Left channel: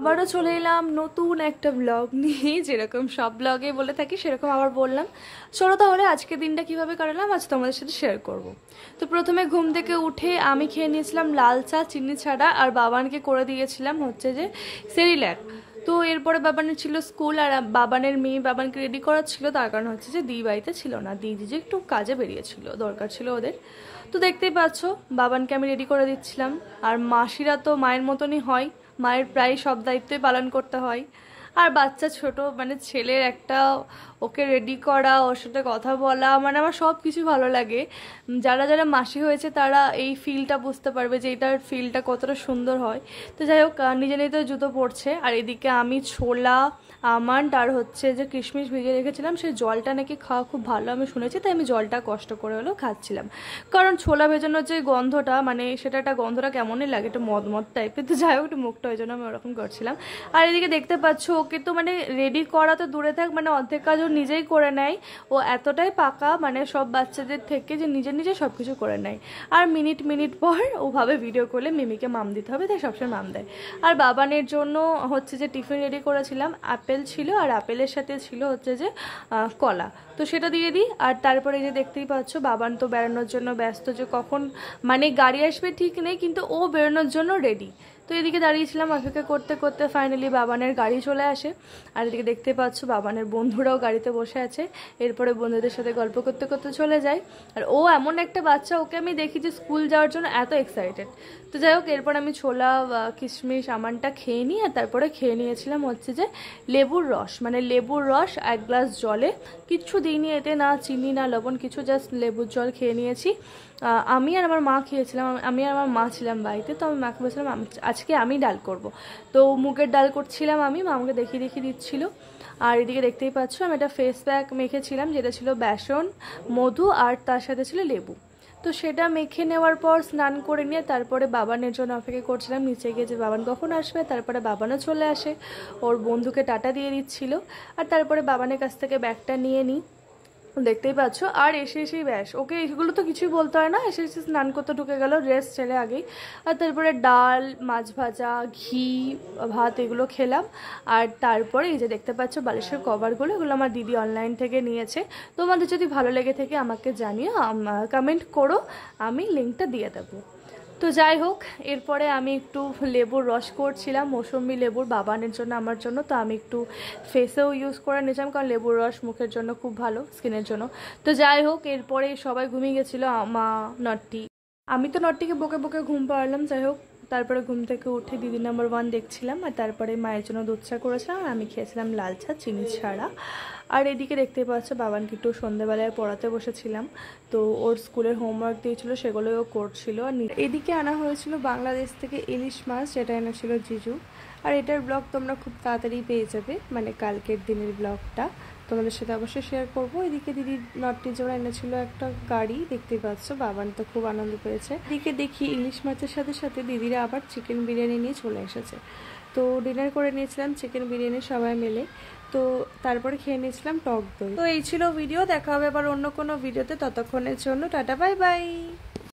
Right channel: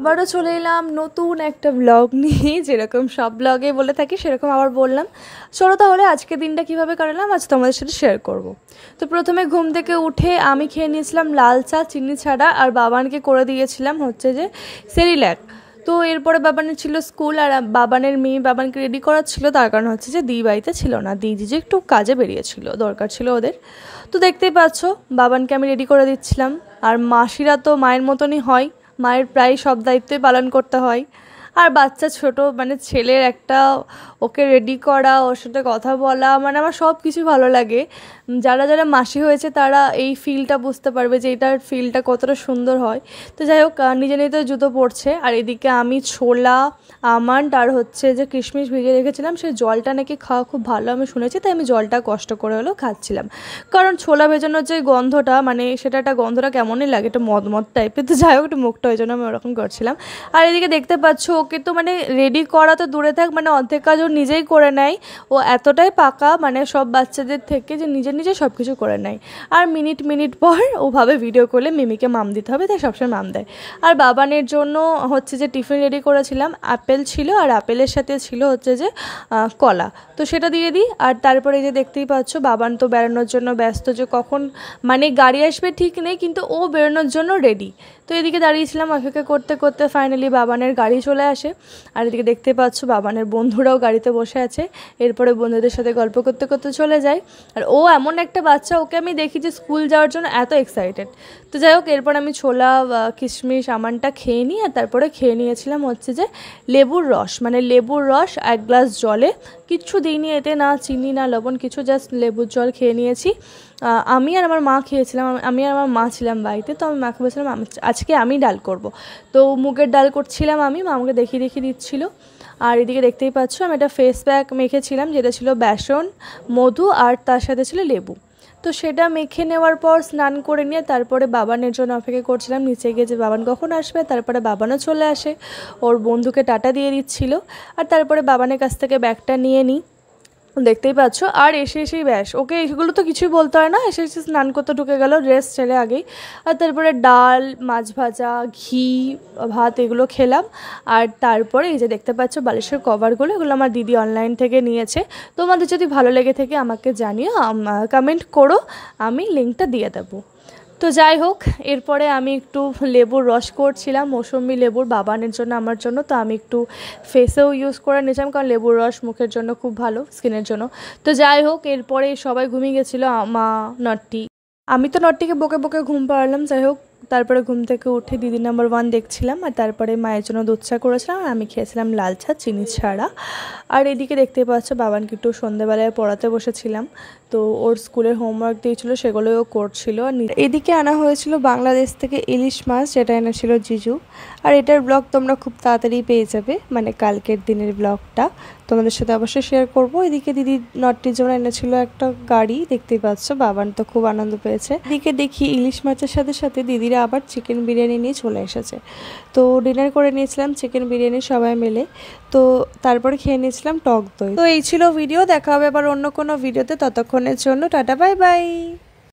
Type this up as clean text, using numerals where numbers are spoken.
আবারও চলে এলাম নতুন একটা ব্লগ নিয়ে। যেরকম সব ব্লগে বলে থাকি সেরকম আবার বললাম। চলো তাহলে আজকে দিনটা কিভাবে কাটালাম আজ তোমাদের সাথে শেয়ার করব। তো প্রথমে ঘুম থেকে উঠে আমি খেয়ে নিয়েছিলাম লাল চা চিনি ছাড়া, আর বাবানকে করে দিয়েছিলাম হচ্ছে যে সেরিল্যাক। তো এরপরে বাবানের ছিল স্কুল, আর বাবানের মেয়ে বাবানকে রেডি করা ছিল, তার কারণ হচ্ছে যে দি বাড়িতে ছিল না, দি যে একটু কাজে বেরিয়েছিল, দরকার ছিল ওদের। তো দেখতেই পাচ্ছ বাবানকে আমি রেডি করে দিচ্ছিলাম। আর মাসিরা তো মায়ের মতনই হয়, মায়ের প্রায় সব দায়িত্বই পালন করতে হয়। আর বাচ্চা ছোট মানে ছেলের একটা ওকে রেডি করা, ওর সাথে কথা বলা, মানে আমার সব কিছু ভালো লাগে। যারা যারা মাসি হয়েছে তারা এই ফিলটা বুঝতে পারবে যে এটার ফিলটা কতটা সুন্দর হয়। তো যাই হোক, নিজে নিজে জুতো পরছে, আর এদিকে আমি ছোলা আমন্ড আর হচ্ছে যে কিশমিশ ভিজিয়ে রেখেছিলাম, সেই জলটা নাকি খাওয়া খুব ভালো আমি শুনেছি, তাই আমি জলটা কষ্ট করে হলেও খাচ্ছিলাম। কারণ ছোলা ভেজানোর যে গন্ধটা, মানে সেটা একটা গন্ধটা কেমনই লাগে, একটা মদ টাইপের। তো যাই হোক, একটু মুখটা ওই জন্য আমি ওরকম করছিলাম। আর এদিকে দেখতে পাচ্ছ ওকে তো মানে রেডি করা তো দূরে থাক, মানে অর্ধেক কাজ ও নিজেই করে নেয়। ও এতটাই পাকা মানে সব বাচ্চাদের থেকে যে নিজে নিজে সব কিছু করে নেয়। আর মিনিট মিনিট পর ওভাবে ভিডিও করলে মিমিকে মাম দিতে হবে, তাই সবসময় মাম দেয়। আর বাবানের জন্য হচ্ছে যে টিফিন রেডি করেছিলাম, আপেল ছিল আর আপেলের সাথে ছিল হচ্ছে যে কলা, তো সেটা দিয়ে দিই। আর তারপরে যে দেখতেই পাচ্ছ বাবান তো বেরোনোর জন্য ব্যস্ত, যে কখন মানে গাড়ি আসবে ঠিক নেই, কিন্তু ও বেরোনোর জন্য রেডি। তো এদিকে দাঁড়িয়েছিলাম অপেক্ষা করতে করতে ফাইনালি বাবানের গাড়ি চলে আসে। আর এদিকে দেখতে পাচ্ছ বাবানের বন্ধুরাও গাড়িতে বসে আছে। এরপরে বন্ধুদের সাথে গল্প করতে করতে চলে যায়। আর ও এমন একটা বাচ্চা, ওকে আমি দেখি যে স্কুল যাওয়ার জন্য এত এক্সাইটেড। তো যাই হোক, এরপর আমি ছোলা কিশমিশ আমন্ডটা খেয়ে নিই, আর তারপরে খেয়ে নিয়েছিলাম হচ্ছে যে লেবুর রস, মানে লেবুর রস 1 গ্লাস জলে, কিচ্ছু দিইনি এতে, না চিনি না লবণ কিছু, জাস্ট লেবুর জল খেয়ে নিয়েছি। আমি আর আমার মা খেয়েছিলাম, আমি আর আমার মা ছিলাম বাড়িতে। তো আমি মাকে বলছিলাম আজকে আমি ডাল করব। তো মুগের ডাল করছিলাম আমি, মা আমাকে দেখিয়ে দেখিয়ে দিচ্ছিল। আর এদিকে দেখতেই পাচ্ছ আমি একটা ফেস প্যাক মেখেছিলাম, যেটা ছিল বেসন মধু আর তার সাথে ছিল লেবু। তো সেটা মেখে নেওয়ার পর স্নান করে নিয়ে তারপরে বাবানের জন্য অপেক্ষা করছিলাম নিচে গিয়ে যে বাবান কখন আসবে। তারপরে বাবানও চলে আসে, ওর বন্ধুকে টাটা দিয়ে দিচ্ছিল। আর তারপরে বাবানের কাছ থেকে ব্যাগটা নিয়ে নিই, দেখতেই পাচ্ছ। আর এসে এসেই ব্যাস, ওকে এগুলো তো কিছুই বলতে হয় না, এসে এসে স্নান করতে ঢুকে গেল ড্রেস ছেড়ে আগেই। আর তারপরে ডাল মাছ ভাজা ঘি ভাত এগুলো খেলাম। আর তারপরে এই যে দেখতে পাচ্ছ বালিশের কভারগুলো, এগুলো আমার দিদি অনলাইন থেকে নিয়েছে। তোমাদের যদি ভালো লেগে থাকে আমাকে জানিও, কমেন্ট করো, আমি লিঙ্কটা দিয়ে দেবো। তো যাই হোক, এরপরে আমি একটু লেবুর রস করছিলাম, মৌসুমি লেবুর, বাবানের জন্য আমার জন্য। তো আমি একটু ফেসেও ইউজ করে নিয়েছিলাম, কারণ লেবুর রস মুখের জন্য খুব ভালো, স্কিনের জন্য। তো যাই হোক, এরপরে সবাই ঘুমিয়ে গেছিলো, মা নট্টি, আমি তো নট্টিকে বকে বকে ঘুম পাড়ালাম। যাই হোক, তারপরে ঘুম থেকে উঠে দিদি নাম্বার 1 দেখছিলাম, আর তারপরে মায়ের জন্য দুধ চা করেছিলাম, আর আমি খেয়েছিলাম লাল চা চিনি ছাড়া। আর এদিকে দেখতে পাচ্ছ বাবানকে একটু সন্ধ্যেবেলায় পড়াতে বসেছিলাম। তো ওর স্কুলের হোমওয়ার্ক দিয়েছিল, সেগুলোই ও করছিল। আর এদিকে আনা হয়েছিল বাংলাদেশ থেকে ইলিশ মাছ, যেটা এনেছিল জিজু। আর এটার ব্লগ তোমরা খুব তাড়াতাড়ি পেয়ে যাবে, মানে কালকের দিনের ব্লগটা তোমাদের সাথে অবশ্যই শেয়ার করব। এদিকে দিদি নটটির জন্য এনেছিল একটা গাড়ি, দেখতেই পাচ্ছ, বাবান তো খুব আনন্দ পেয়েছে। এদিকে দেখি ইলিশ মাছের সাথে সাথে দিদিরা আবার চিকেন বিরিয়ানি নিয়ে চলে এসেছে। তো ডিনার করে নিয়েছিলাম চিকেন বিরিয়ানি সবাই মিলে। তো তারপরে খেয়ে নিয়েছিলাম টক দই। তো এই ছিল ভিডিও, দেখা হবে আবার অন্য কোনো ভিডিওতে, ততক্ষণের জন্য টাটা বাই বাই।